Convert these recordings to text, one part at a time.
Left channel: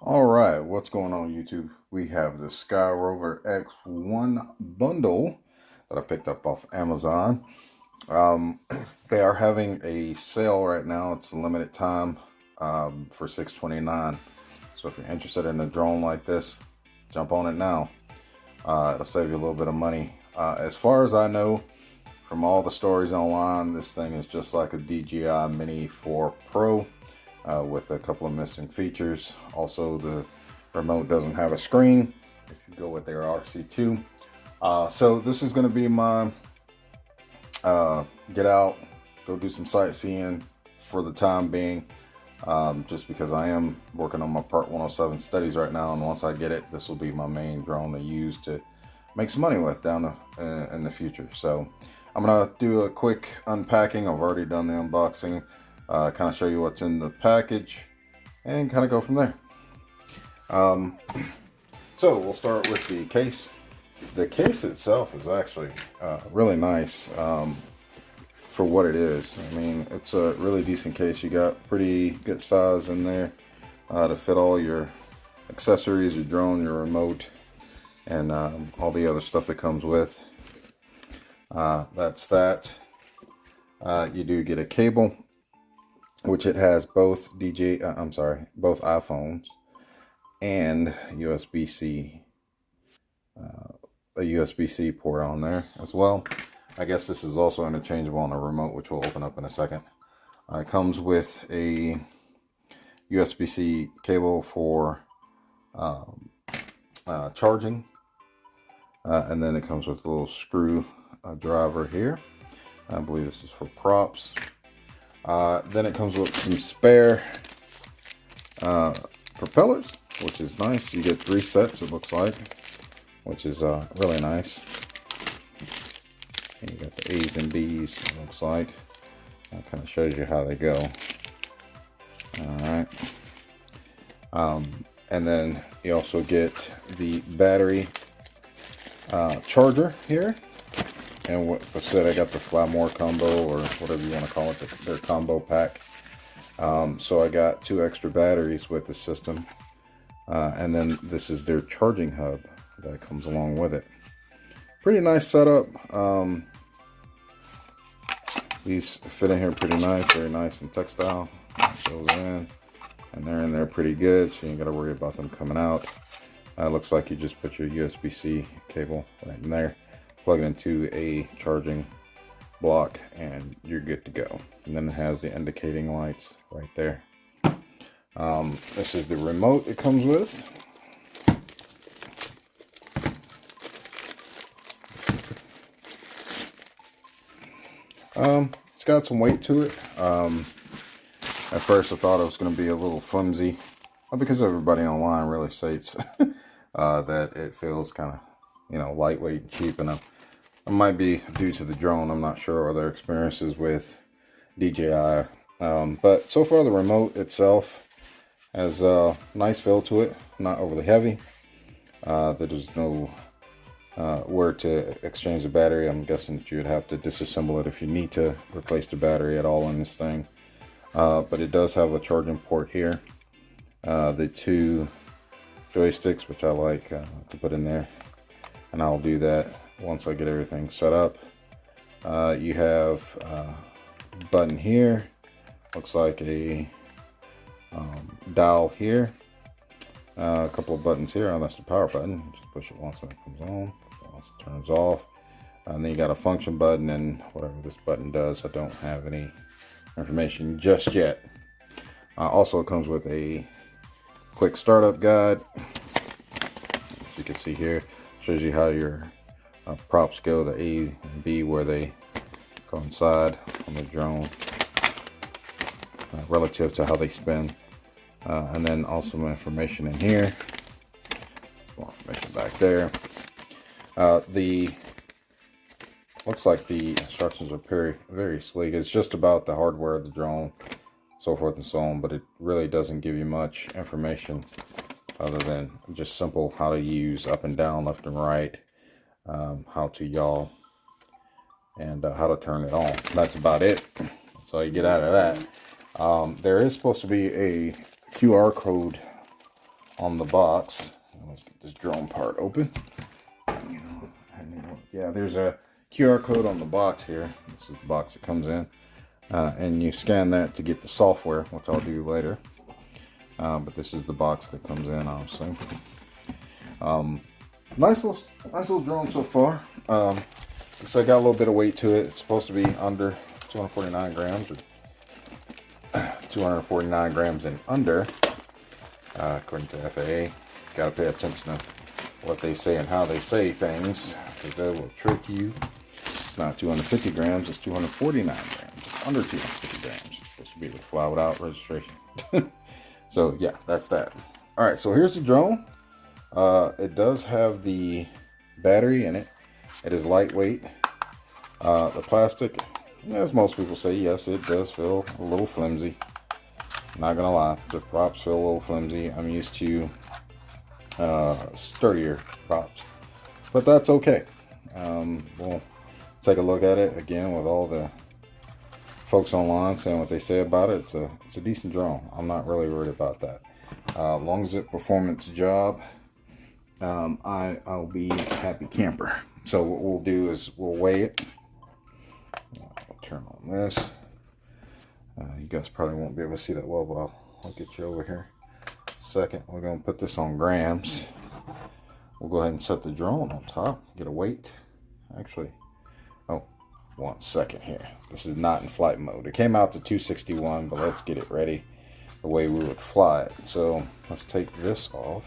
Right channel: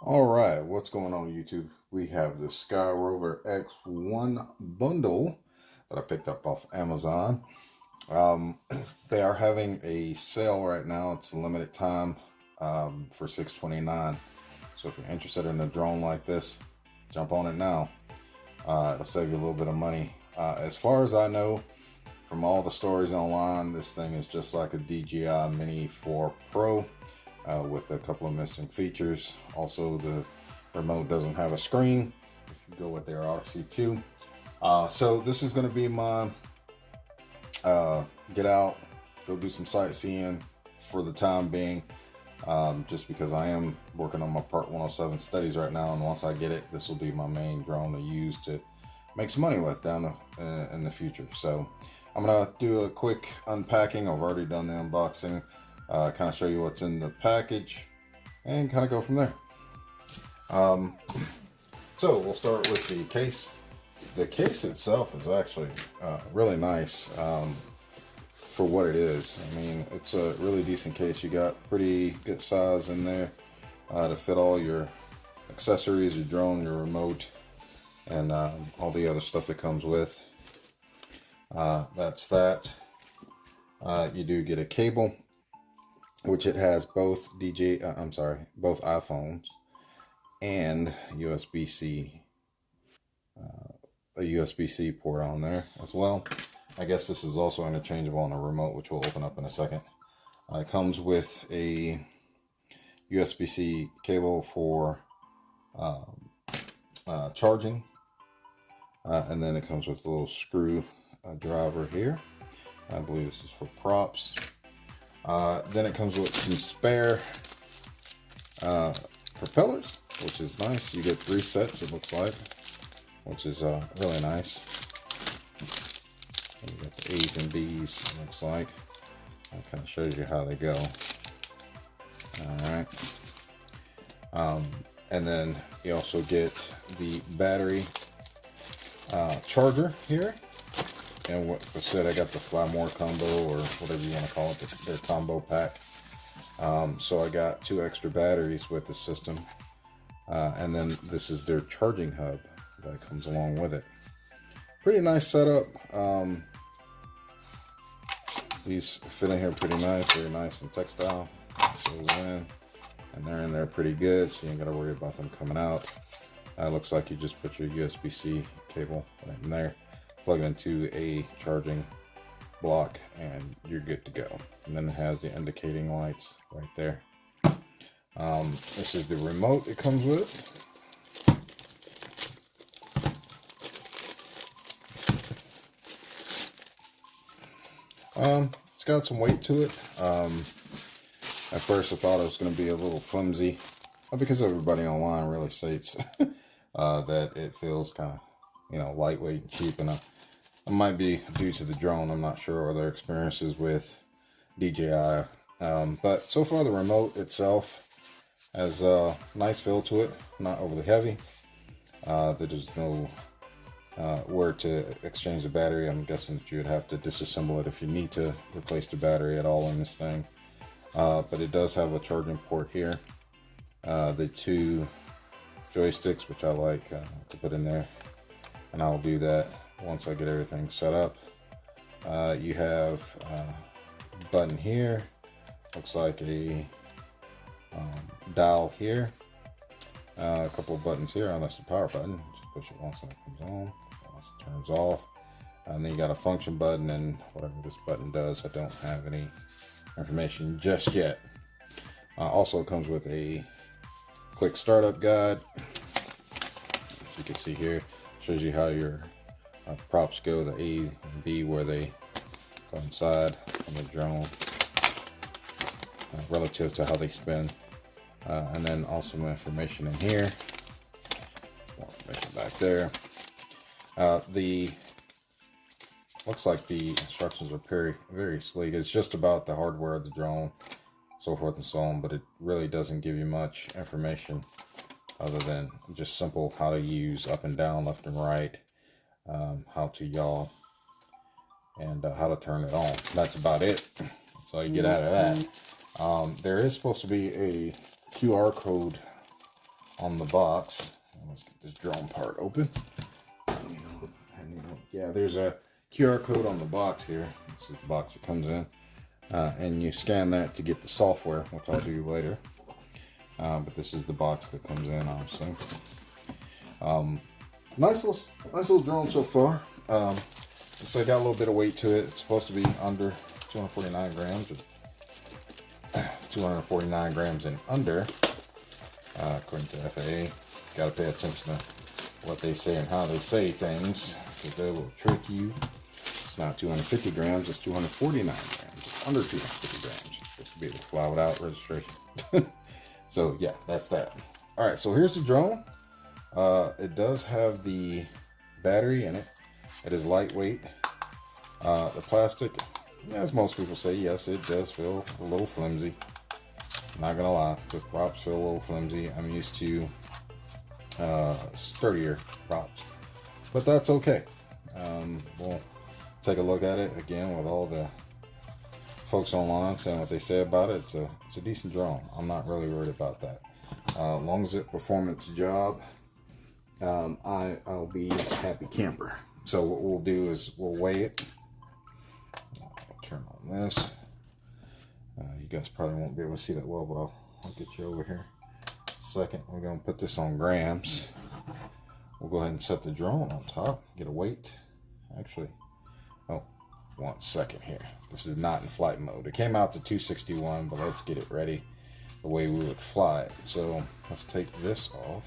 All right, what's going on YouTube? We have the Skyrover X1 bundle that I picked up off Amazon. Um, they are having a sale right now. It's a limited time for $6.29. So if you're interested in a drone like this, jump on it now. It'll save you a little bit of money. As far as I know, from all the stories online, this thing is just like a DJI Mini 4 Pro. With a couple of missing features. Also, the remote doesn't have a screen if you go with their RC2. So this is going to be my get out, go do some sightseeing for the time being, just because I am working on my Part 107 studies right now, and once I get it, this will be my main drone to use to make some money with down in the future. So I'm going to do a quick unpacking. I've already done the unboxing. Kind of show you what's in the package and kind of go from there. So we'll start with the case. The case itself is actually really nice for what it is. I mean, it's a really decent case. You got pretty good size in there to fit all your accessories, your drone, your remote, and all the other stuff that comes with. That's that. You do get a cable, which it has both both iPhones and USB-C, a USB-C port on there as well. I guess this is also interchangeable on the remote, which we'll open up in a second. It comes with a USB-C cable for charging, and then it comes with a little screw driver here. I believe this is for props. Then it comes with some spare propellers, which is nice. You get 3 sets, it looks like, which is really nice. And you got the A's and B's, it looks like. That kind of shows you how they go. Alright. And then you also get the battery charger here. And what I said, I got the Fly More combo, or whatever you want to call it, their combo pack. So I got 2 extra batteries with the system. And then this is their charging hub that comes along with it. Pretty nice setup. These fit in here pretty nice, very nice and textile. Goes in, and they're in there pretty good, so you ain't got to worry about them coming out. Looks like you just put your USB-C cable right in there, plug it into a charging block, and you're good to go. And then it has the indicating lights right there. This is the remote it comes with. It's got some weight to it. At first I thought it was going to be a little flimsy, because everybody online really states that it feels kind of, lightweight and cheap, and it might be due to the drone. I'm not sure, or their experiences with DJI. But so far the remote itself has a nice feel to it, not overly heavy. There's no where to exchange the battery. I'm guessing that you would have to disassemble it if you need to replace the battery at all in this thing. But it does have a charging port here. The 2 joysticks, which I like to put in there, and I'll do that once I get everything set up. You have a button here, looks like a dial here, a couple of buttons here. Oh, that's the power button. Just push it once and it comes on, once it turns off. And then you got a function button and whatever this button does. I don't have any information just yet. Also, it comes with a quick startup guide. As you can see here, shows you how your props go, the A and B, where they go inside on the drone, relative to how they spin. And then also some information in here, more information back there. Looks like the instructions are very sleek. It's just about the hardware of the drone, so forth and so on, but it really doesn't give you much information other than just simple how to use up and down, left and right, how to yaw, and how to turn it on. That's about it. That's all you get out of that. There is supposed to be a QR code on the box. Let's get this drone part open. Yeah, there's a QR code on the box here. This is the box that comes in. And you scan that to get the software, which I'll do later. But this is the box that comes in, obviously. Nice little drone so far. Looks like got a little bit of weight to it. It's supposed to be under 249 grams. Or 249 grams and under, according to FAA. Got to pay attention to what they say and how they say things, because they will trick you. It's not 250 grams, it's 249 grams. It's under 250 grams. It's supposed to be able to fly without registration. So yeah, that's that. All right, so here's the drone. It does have the battery in it. It is lightweight. The plastic, as most people say, yes, it does feel a little flimsy. Not gonna lie, the props feel a little flimsy. I'm used to sturdier props, but that's okay. We'll take a look at it again with all the folks online saying what they say about it. It's a decent drone. I'm not really worried about that. As long as it performance job, I'll be a happy camper. So what we'll do is we'll weigh it. I'll turn on this. You guys probably won't be able to see that well, but I'll get you over here. Second, we're going to put this on grams. We'll go ahead and set the drone on top, get a weight. Actually, oh, 1 second here. This is not in flight mode. It came out to 261, but let's get it ready the way we would fly it. So let's take this off.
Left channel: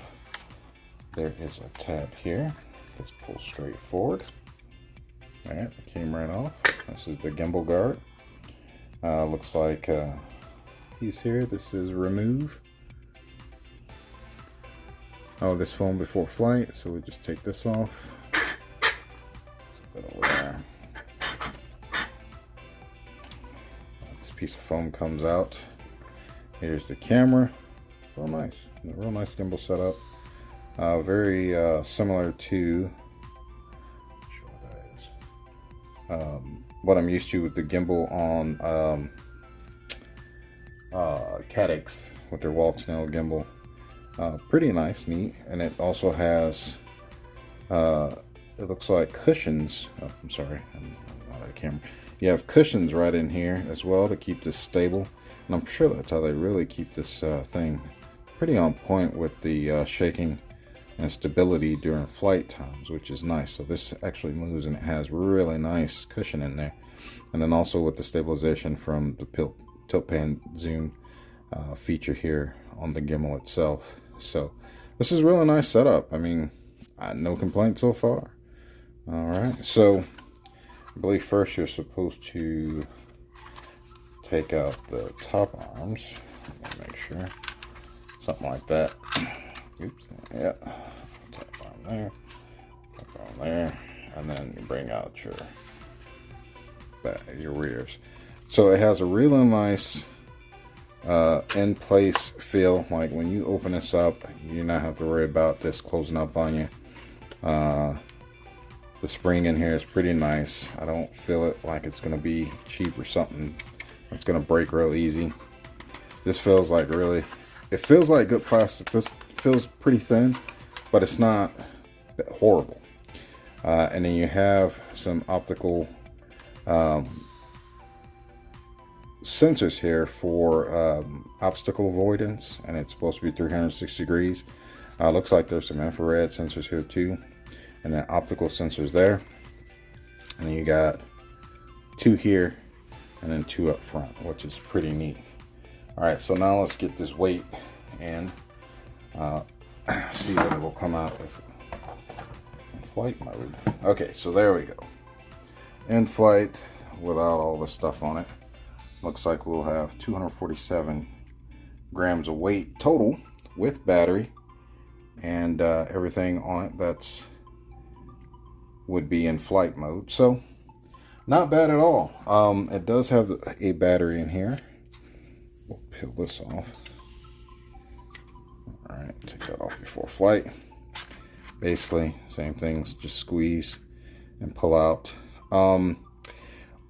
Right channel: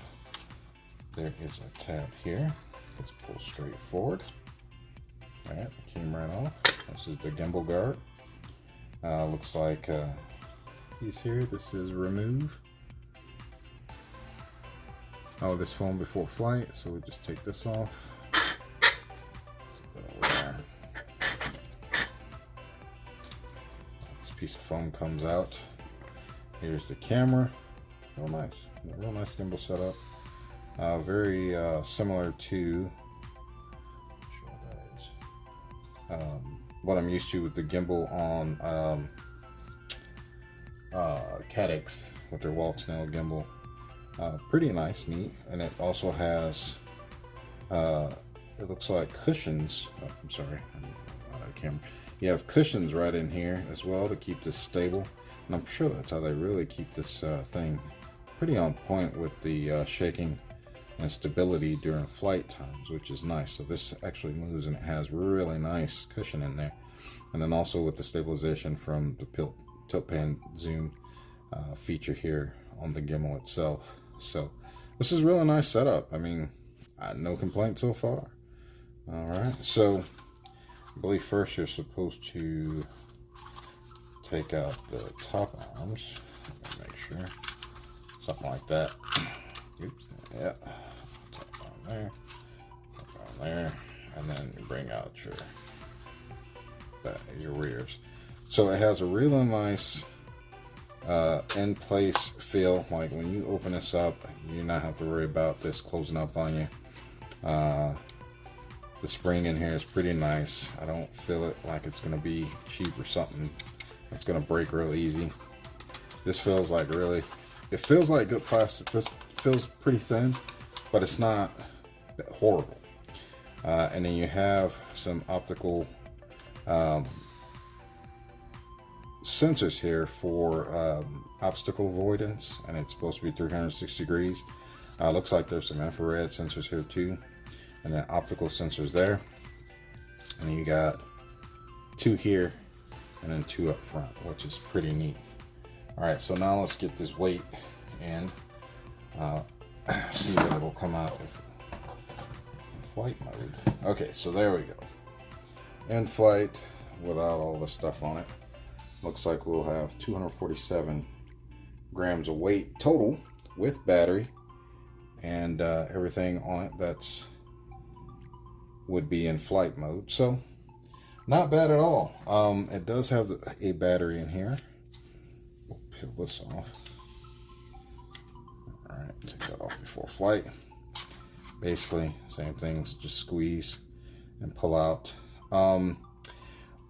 There is a tab here. Let's pull straight forward. All right, it came right off. This is the gimbal guard. Looks like he's here. This is remove. Oh, this foam before flight, so we just take this off. Put it over there. This piece of foam comes out. Here's the camera. Real nice. Real nice gimbal setup. Very similar to what I'm used to with the gimbal on Cadix with their walk snail gimbal. Pretty nice, neat, and it also has it looks like cushions. Oh, I'm sorry, I'm out of the camera. You have cushions right in here as well to keep this stable, and I'm sure that's how they really keep this thing pretty on point with the shaking and stability during flight times, which is nice. So this actually moves, and it has really nice cushion in there, and then also with the stabilization from the tilt pan zoom feature here on the gimbal itself. So this is really nice setup. I mean, no complaints so far. All right, so I believe first you're supposed to take out the top arms. Make sure, something like that. Oops, yeah. Tap on there, tap on there, and then you bring out your rears. So it has a really nice in place feel. Like when you open this up, you not have to worry about this closing up on you. The spring in here is pretty nice. I don't feel it like it's gonna be cheap or something. It's gonna break real easy. This feels like it feels like good plastic. This feels pretty thin, but it's not horrible. And then you have some optical sensors here for obstacle avoidance, and it's supposed to be 360 degrees. Looks like there's some infrared sensors here too, and then optical sensors there. And you got 2 here and then 2 up front, which is pretty neat. All right, so now let's get this weight in. See what it will come out in flight mode. Okay, so there we go. In flight without all this stuff on it. Looks like we'll have 247 grams of weight total with battery and everything on it that's would be in flight mode. So not bad at all. It does have a battery in here. We'll peel this off. All right, take that off before flight. Basically same things, just squeeze and pull out.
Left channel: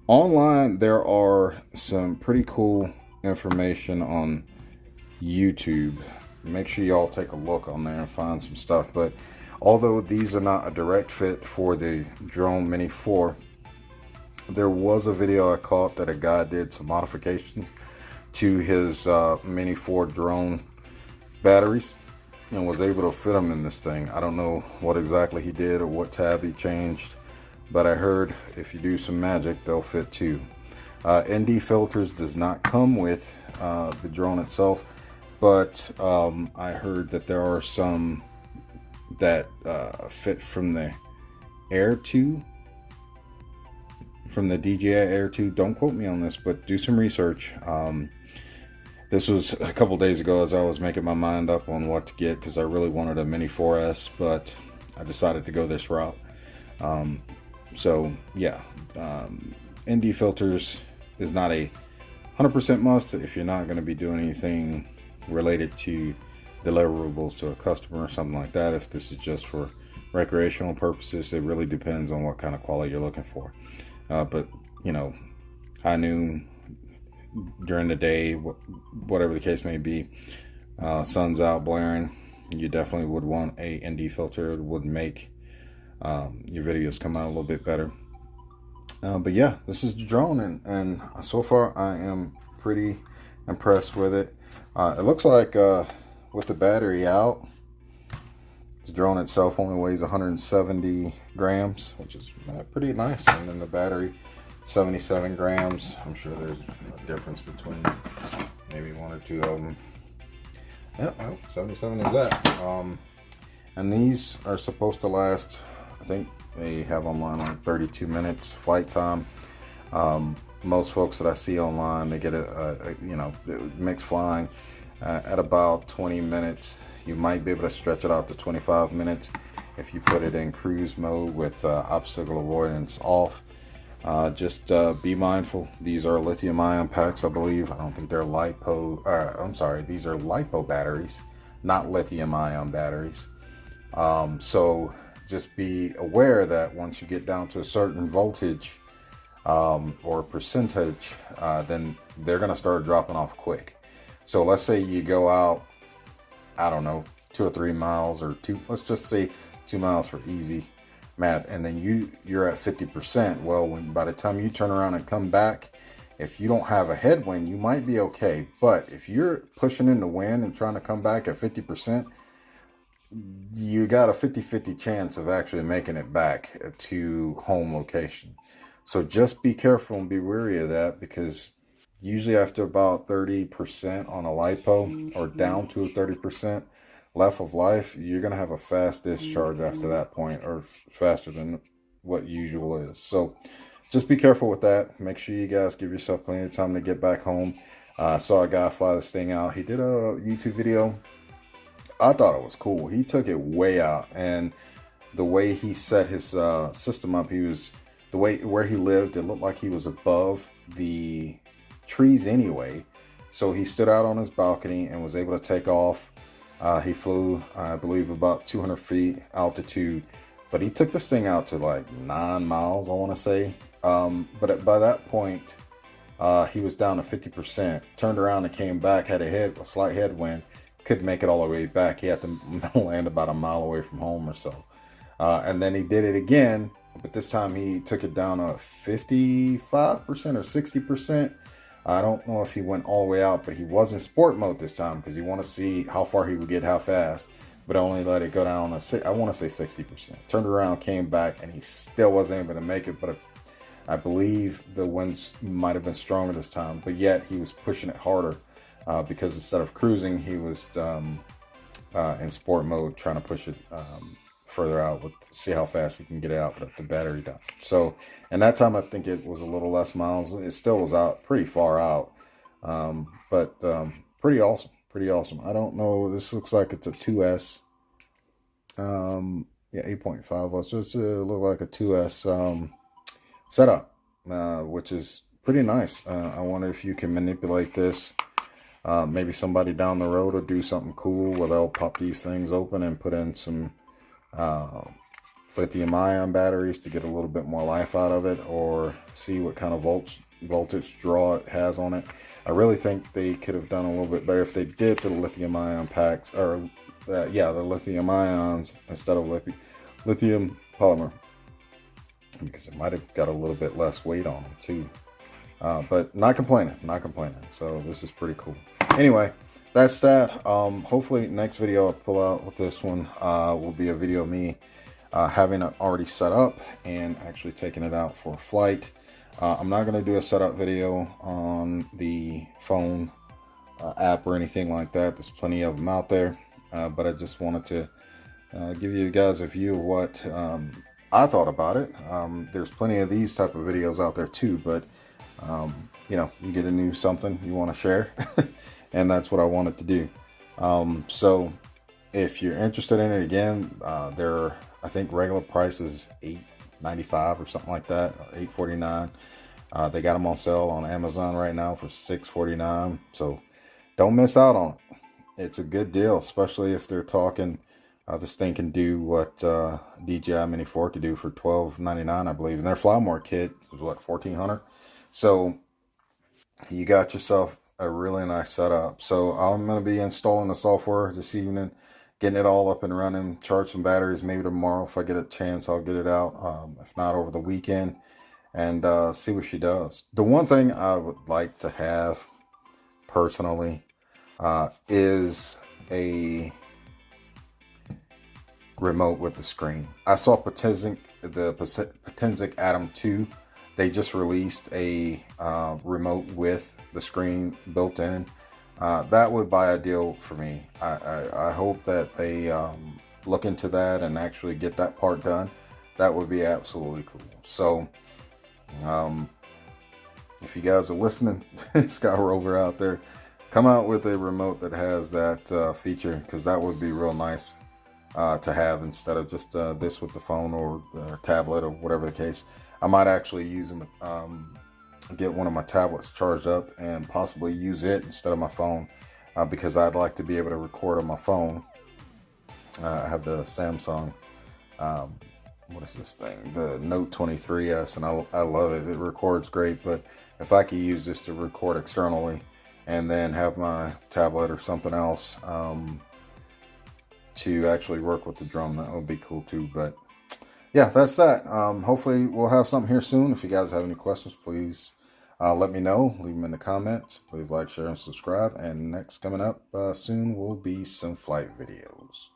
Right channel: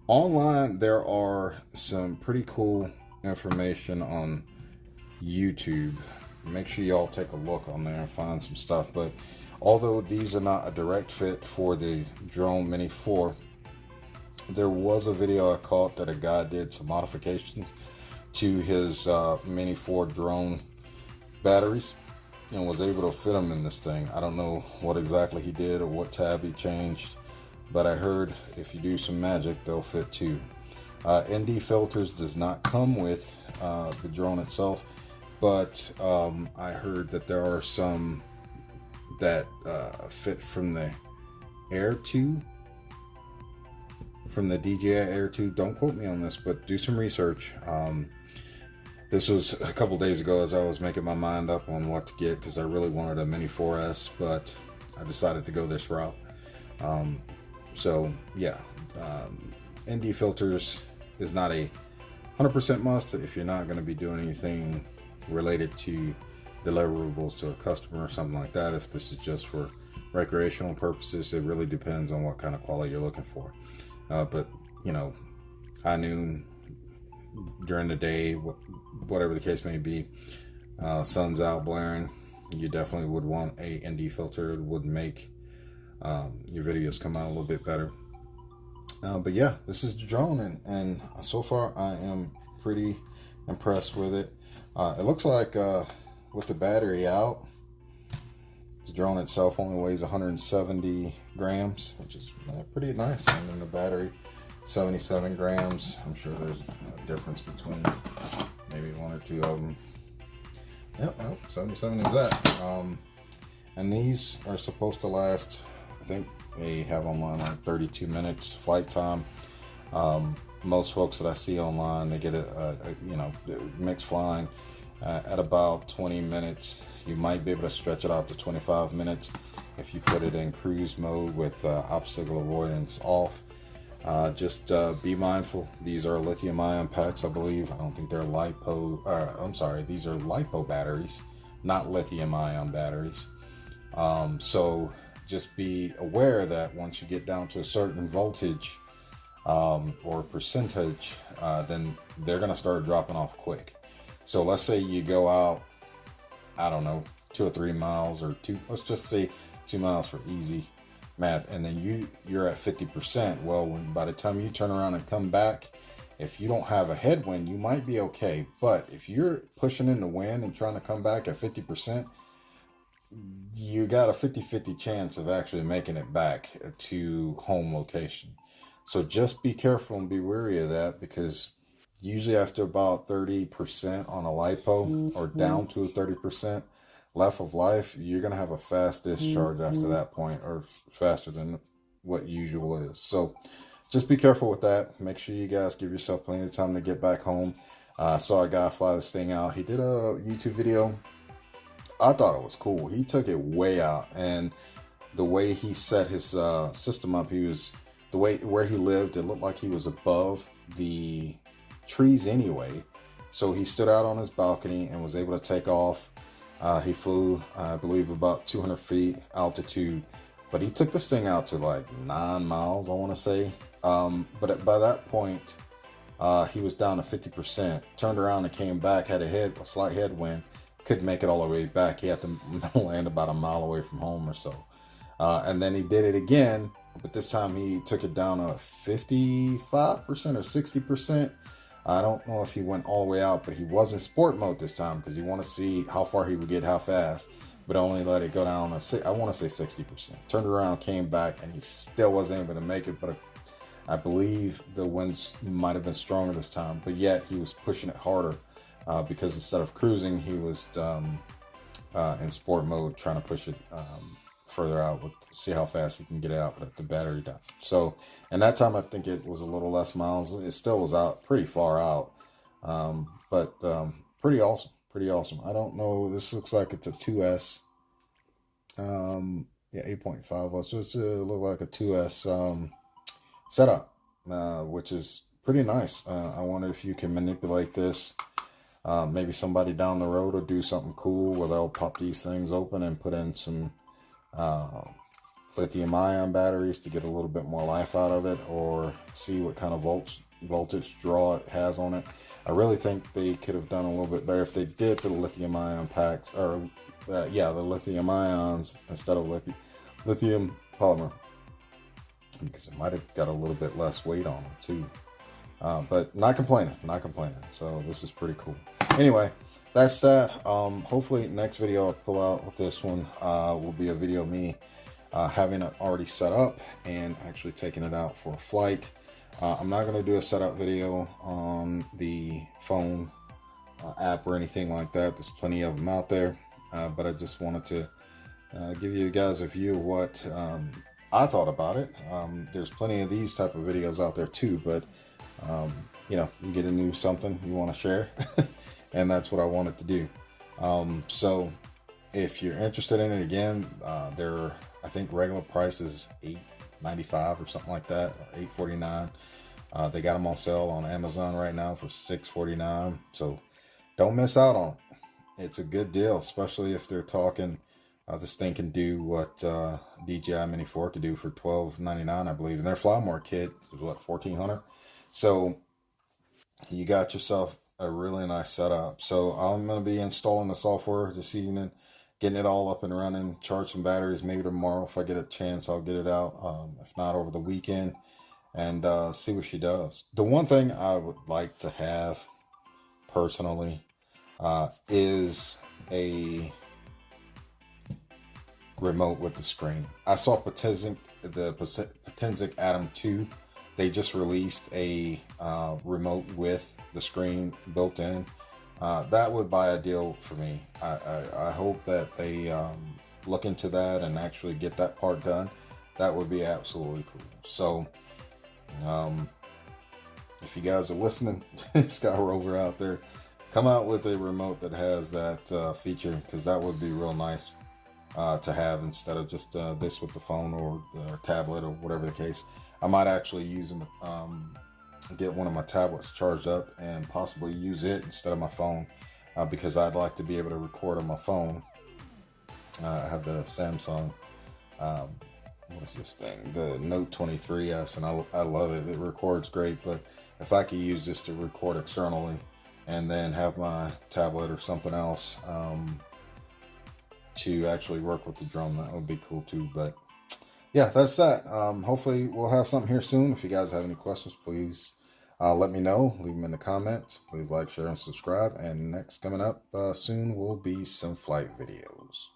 Online there are some pretty cool information on YouTube make sure y'all take a look on there and find some stuff. But although these are not a direct fit for the Drone Mini 4, there was a video I caught that a guy did some modifications to his Mini 4 drone batteries and was able to fit them in this thing. I don't know what exactly he did or what tab he changed, but I heard if you do some magic, they'll fit too. ND filters does not come with the drone itself, but I heard that there are some that fit from the Air 2, from the DJI Air 2. Don't quote me on this, but do some research. This was a couple days ago as I was making my mind up on what to get, because I really wanted a Mini 4S, but I decided to go this route. So yeah, ND filters is not a 100% must if you're not going to be doing anything related to deliverables to a customer or something like that. If this is just for recreational purposes, it really depends on what kind of quality you're looking for. But you know, high noon, during the day, whatever the case may be, sun's out blaring, you definitely would want a ND filter. It would make your videos come out a little bit better. But yeah, this is the drone, and so far I am pretty impressed with it. It looks like with the battery out, the drone itself only weighs 170 grams, which is pretty nice. And then the battery, 77 grams. I'm sure there's a difference between maybe one or two of them. Yep, 77 is that. And these are supposed to last, I think they have online like 32 minutes flight time. Most folks that I see online, they get a you know, mixed flying at about 20 minutes. You might be able to stretch it out to 25 minutes if you put it in cruise mode with obstacle avoidance off. Just be mindful. These are lithium ion packs, I believe. I don't think they're lipo. I'm sorry, these are lipo batteries, not lithium ion batteries. So just be aware that once you get down to a certain voltage or percentage, then they're going to start dropping off quick. So let's say you go out, I don't know, 2 or 3 miles, or let's just say 2 miles for easy math, and then you're at 50%. Well, by the time you turn around and come back, if you don't have a headwind, you might be okay. But if you're pushing in the wind and trying to come back at 50%, you got a 50-50 chance of actually making it back to home location. So just be careful and be wary of that, because usually after about 30% on a lipo, or down to 30% left of life, you're going to have a fast discharge after that point, or faster than what usual is. So just be careful with that. Make sure you guys give yourself plenty of time to get back home. I saw a guy fly this thing out. He did a YouTube video. I thought it was cool. He took it way out, and the way he set his system up, where he lived, it looked like he was above the trees anyway. So he stood out on his balcony and was able to take off. He flew, I believe, about 200 feet altitude, but he took this thing out to like 9 miles, I want to say. But by that point, he was down to 50%, turned around and came back, had a slight headwind, couldn't make it all the way back. He had to land about a mile away from home or so. And then he did it again, but this time he took it down to 55% or 60%. I don't know if he went all the way out, but he was in sport mode this time because he wanted to see how far he would get, how fast, but only let it go down to, I want to say 60%. Turned around, came back, and he still wasn't able to make it, but I believe the winds might have been stronger this time, but yet he was pushing it harder because instead of cruising, he was in sport mode, trying to push it further out, see how fast he can get it out with the battery down. So, and that time I think it was a little less miles. It still was out pretty far out, but pretty awesome. I don't know, this looks like it's a 2S. Yeah, 8.5. So it's look like a 2S setup, which is pretty nice. I wonder if you can manipulate this. Maybe somebody down the road will do something cool where they'll pop these things open and put in some lithium ion batteries to get a little bit more life out of it, or see what kind of voltage draw it has on it. I really think they could have done a little bit better if they did put lithium ion packs, or yeah, the lithium ions instead of lithium polymer, because it might have got a little bit less weight on them too. But not complaining, not complaining. So this is pretty cool. Anyway, that's that. Hopefully next video I'll pull out with this one will be a video of me having it already set up and actually taking it out for a flight. I'm not going to do a setup video on the phone app or anything like that. There's plenty of them out there, but I just wanted to give you guys a view of what I thought about it. There's plenty of these type of videos out there too, but you know, you get a new something you want to share, and that's what I wanted to do. So if you're interested in it, again, they're, I think regular price is $8.95 or something like that, or $8.49. They got them on sale on Amazon right now for $6.49. So don't miss out on it. It's a good deal, especially if they're talking. This thing can do what DJI Mini 4 could do for $12.99, I believe. And their Flymore kit is what, $1,400. So you got yourself a really nice setup. So I'm going to be installing the software this evening, getting it all up and running, charge some batteries. Maybe tomorrow, if I get a chance, I'll get it out. If not, over the weekend, and see what she does. The one thing I would like to have personally is a remote with the screen. I saw the Potensic Atom 2. They just released a remote with the screen built in. That would be ideal for me. I hope that they look into that and actually get that part done. That would be absolutely cool. So if you guys are listening, Skyrover out there, come out with a remote that has that feature, because that would be real nice to have, instead of just this with the phone or tablet or whatever the case. I might actually use them, get one of my tablets charged up and possibly use it instead of my phone, because I'd like to be able to record on my phone. I have the Samsung, what is this thing? The Note 23S, and I love it. It records great, but if I could use this to record externally and then have my tablet or something else to actually work with the drone, that would be cool too. But yeah, that's that. Hopefully we'll have something here soon. If you guys have any questions, please let me know. Leave them in the comments. Please like, share, and subscribe. And next coming up soon will be some flight videos.